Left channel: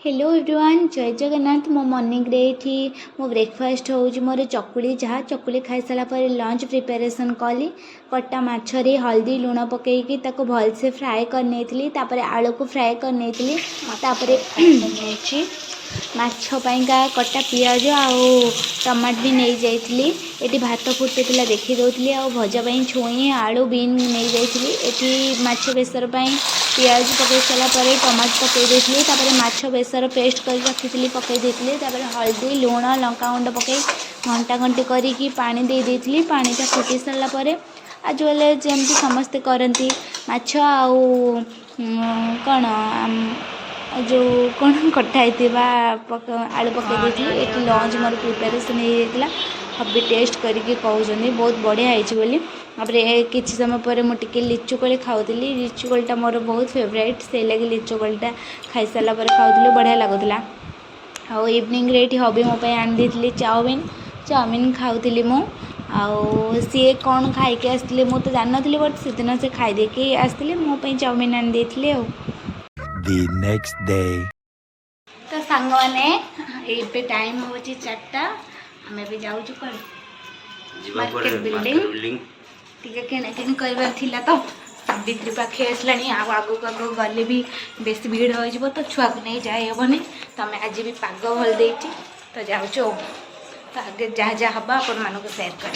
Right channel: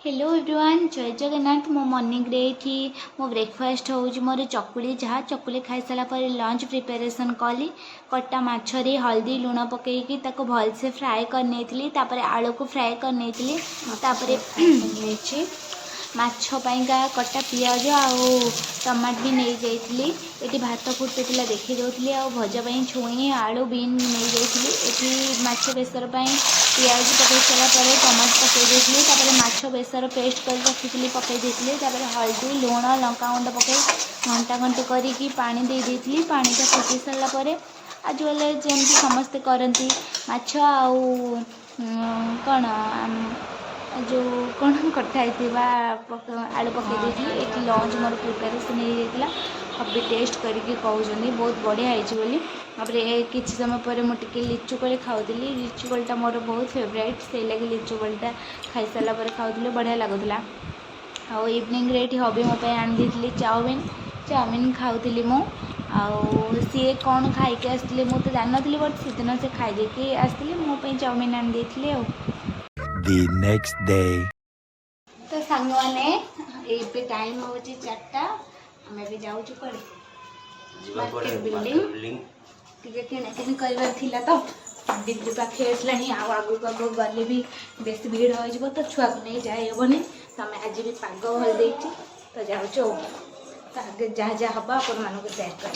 Hello everyone जय जगन्नाथ मो morning रे थी मो ब्रेकफास्ट होउची मोर चकुली जहाँ चकुली खाई सारा पर लंच प्रिपरेशन कली कटा माछरे हल्दी लुण पकईकी ताको भल से फ्राए करनी तापर आलू को फ्राए करनी तापर माछ पाइंका कटा पियाज आउ टमाट भी नहीं जाइली एटी भात फुटुला देखी दौली आ भजापाई छुई आलू बीन नहीं जाइली एटी माछ बेसर पियाज पकई सारापर टमाट पकई तापर माछ बेसर पेस्ट कर रखी पकई तापर हल्दी लुण लंकागुंड पकई घंटा घंटी करी पानी दे देती पानीटा फुटी सारापर आज वाले जमती समस्ते करती माछ आउ कौन जो कौन कटाई आलू पकई ये लंच मोर प्रिपेरेसन होता हबी टेस्ट करके कहते बहुत बढ़िया होली किसी समय पर मुझे लिचु कोली खाऊली लिचु कोलटा मोर बहुत फेवरेट से लगे लिचु कोलटा खाई सारा पर खाऊली बढ़िया लगुला आ इवनिंग रे हबी मो आनी देती चाउमिन चाउमिन खाऊली मु सी कौन खाई आसते मुझे जान नी बट से दिन से खाई आसते मोपाई चाउमिन आनी देती The next day. तो सांग मैंने टाइम हो 4टा आम भी जाऊँ मार्केट बिल्डिंग टी किणाकिणी कर तो बिक्री पाखे आसला आगू आगू गले भी बेस भीड़ हो तो छुआ को नहीं जाए हेनी तो आम आज भी पाग भल दे तो जाऊँ तो आगे जहाँ जहाँ हम आपण मानक सेयार कर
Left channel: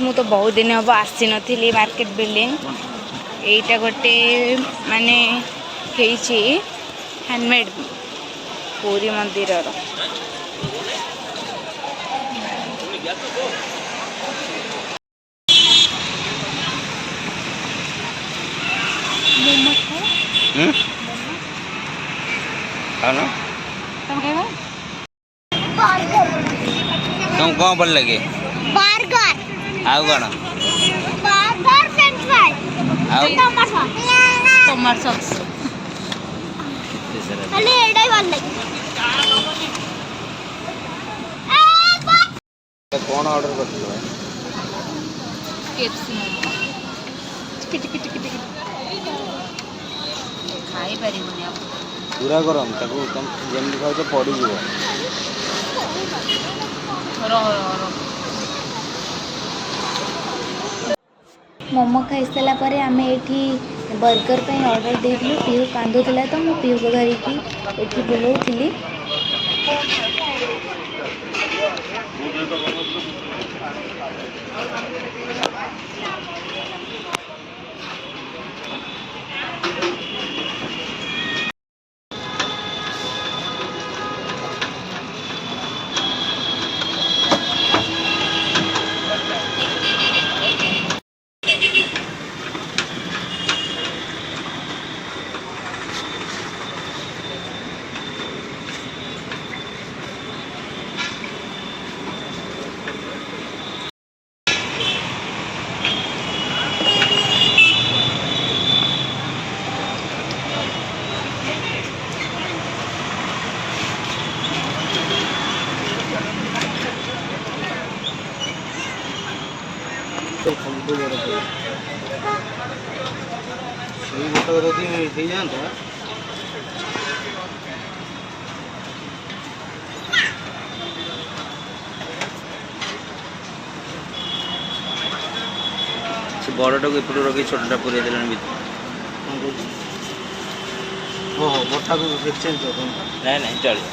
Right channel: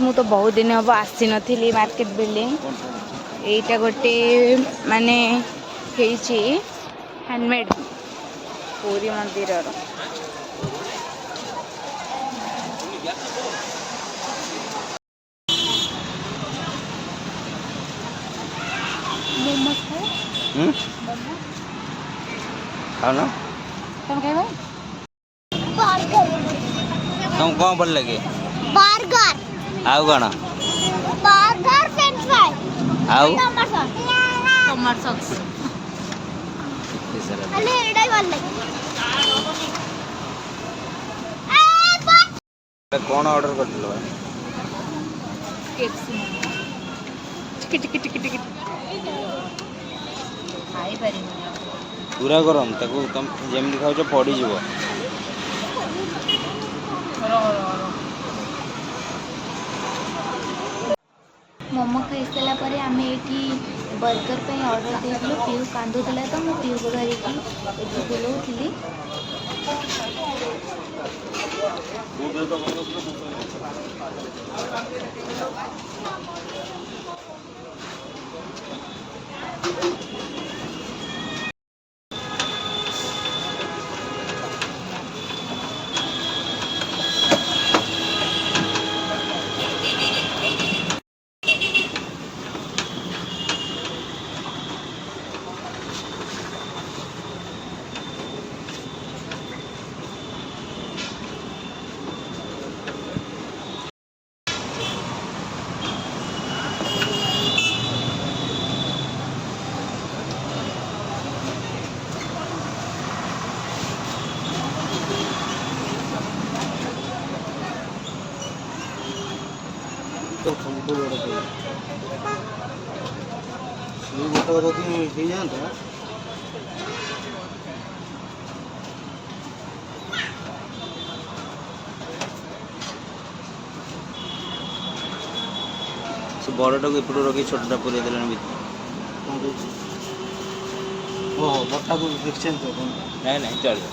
मु तो बहुत दिन हम आसी नी मार्केट बिल्डिंग यहीटा गोटे माने हैंडमेड पूरी मंदिर तुम कौन भल लगे बर्गर आउ कौन बर्गर फ्रेंच फ्राई आउ टमाटो सॉस कितने सारा अरे एडाई भल लगे कौन ऑर्डर करथिलो केएफसी मोमो टिक खाई परिबनी आप पूरा गरम ताको तुम जेमली खाओ पड़ी जीवो मोमो खाई सारा पर आम ये बर्गर पे ऑर्डर देलु पीहू कांदुला तो मुझे पीहू को धरिकी ये बुलाऊली तो हमको बड़ा है ये मोटा करती है सही जानता है से बड़टा को एपटो रखी छोटाटा पूरे देलान भीतर हो बड़टा को एक्सचेंज कर नहीं नहीं चल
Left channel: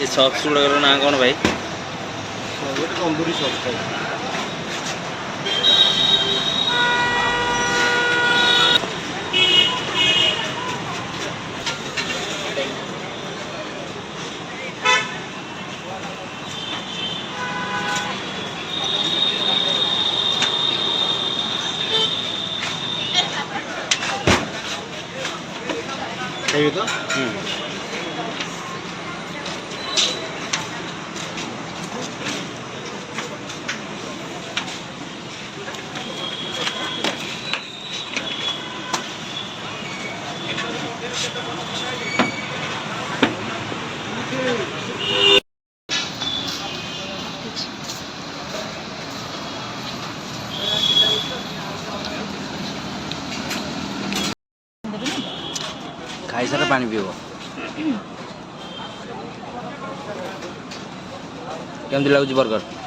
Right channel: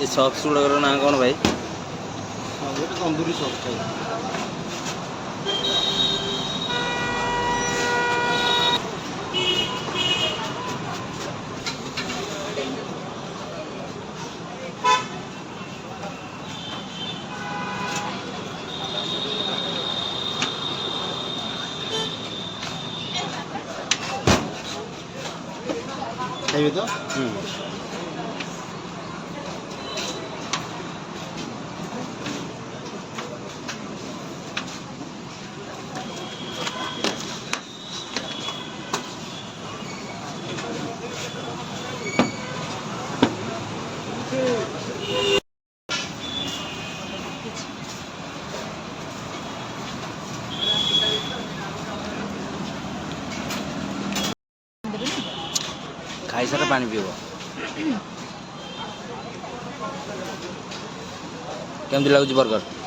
ये सॉक्स गुड़ाकर ना कौन भाई तंदूरी सॉक्स ଖାଇବେ ତ? ଖାଇସାର ପାଣି ପିଇବ। କେମିତି ଲାଗୁଛି ବର୍ଗର?